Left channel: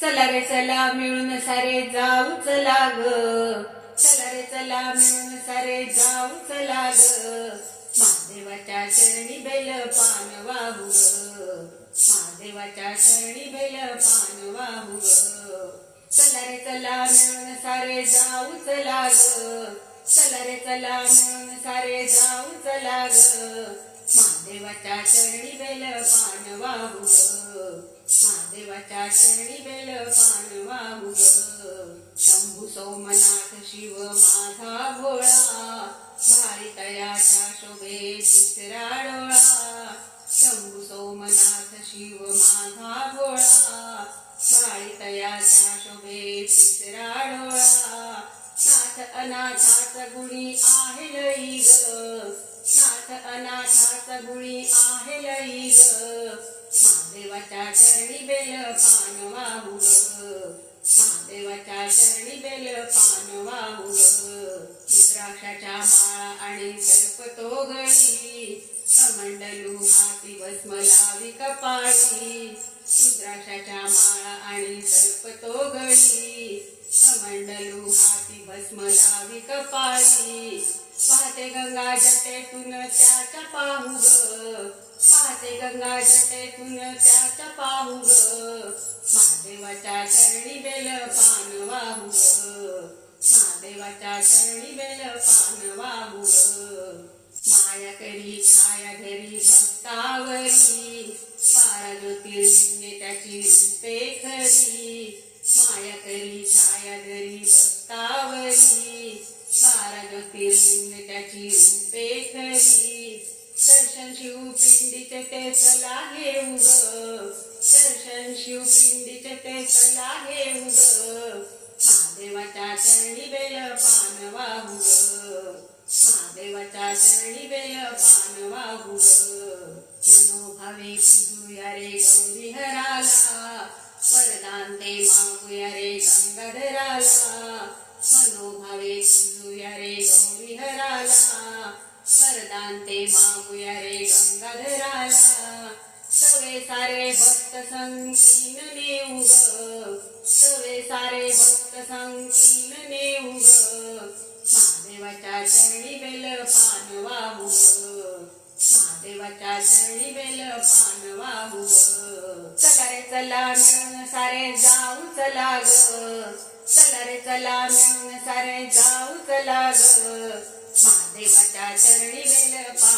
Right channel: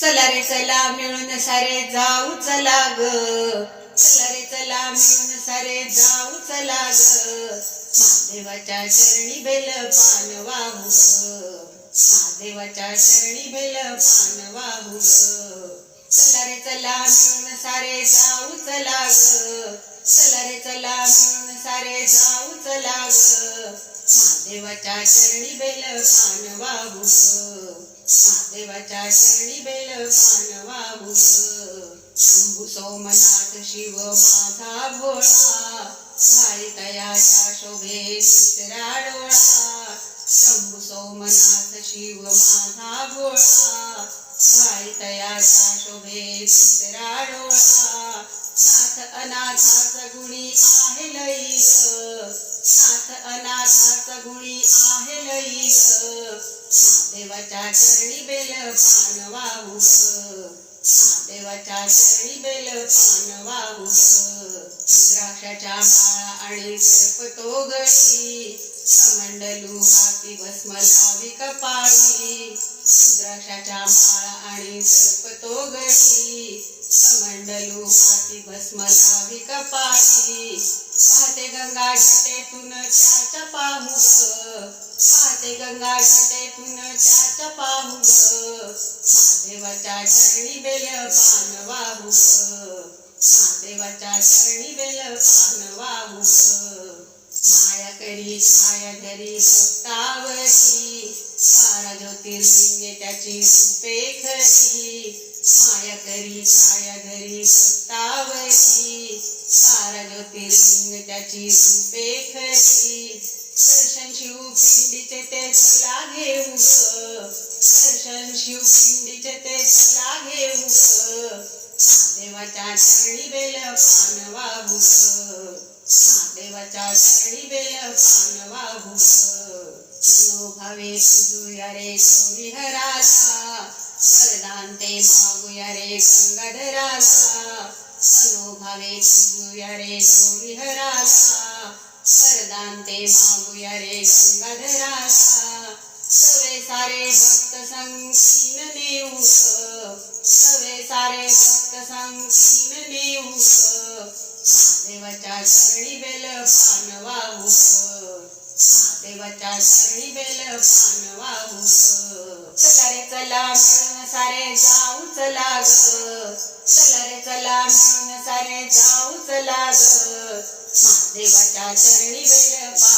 चला रे चला मिळून सारे जाऊ चला ग. चला रे चला मिळून सारे जाऊ चला ग. महादेवाच्या चरणी बेल पान वाहू ग. महादेवाच्या चरणी बेल पान वाहू ग. चला रे चला मिळून सारे जाऊ चला ग. चला रे चला मिळून सारे जाऊ चला ग. महादेवाच्या चरणी बेल पान वाहू ग. महादेवाच्या चरणी बेल पान वाहू ग. शंभू सोमनाथ शिव माझा भोळा भाई तयाच्या शोभे तिसरा डोळा. शंभू सोमनाथ शिव माझा भोळा भाई तयाच्या शोभे तिसरा डोळा. नाथ अनाथाचा गुणी आहे लई ग. नाथ अनाथाचा गुणी आहे लई ग. महादेवाच्या चरणी बेल पान वाहू महादेवाच्या चरणी बेल पान वाहू रुद्राक्षाच्या माळा आणि सर्प तो गळी. कमंडलू हाती भस्मलावी कपाळी. रुद्राक्षाच्या माळा आणि सर्प तो गळी. कमंडलू हाती भस्मलावी कपाळी. पाहते गंगा जटेतून त्याच्या पाहू ग. पाहते गंगा जटेतून त्याच्या पाहू ग महादेवाच्या चरणी बेल पान वाहू ग महादेवाच्या चरणी बेल पान वाहू ग माया करी छाया घरी भक्तावरी. बारा ज्योतिर्लिंगे त्याची रूपे खरी. माया करी छाया घरी भक्तावरी. बारा ज्योतिर्लिंग त्याची रूपे खरी. शिवपिंडीचे ते चला घेऊ ग दर्शन शिवपिंडीचे ते चला घेऊ ग महादेवाच्या चरणी बेल पान वाहू ग महादेवाच्या चरणी बेल पान वाहू ग मनोभावे पूजूया रे गौरी हराला वरदान ते मागूया रे गंगाधराला. मनोभावे पूजूया रे गौरी मागूया रे गंगाधराला. सवे सारे भक्त संकीन नेऊ सवे सारे भक्त संकीन नेऊ महादेवाच्या चरणी बेल पान वाहू महादेवाच्या चरणी बेल पान वाहू चला रे चला मिळून सारे जाऊ चला ग चला रे चला मिळून सारे जाऊ चला ग महादेवाच्या चरणी बेल पान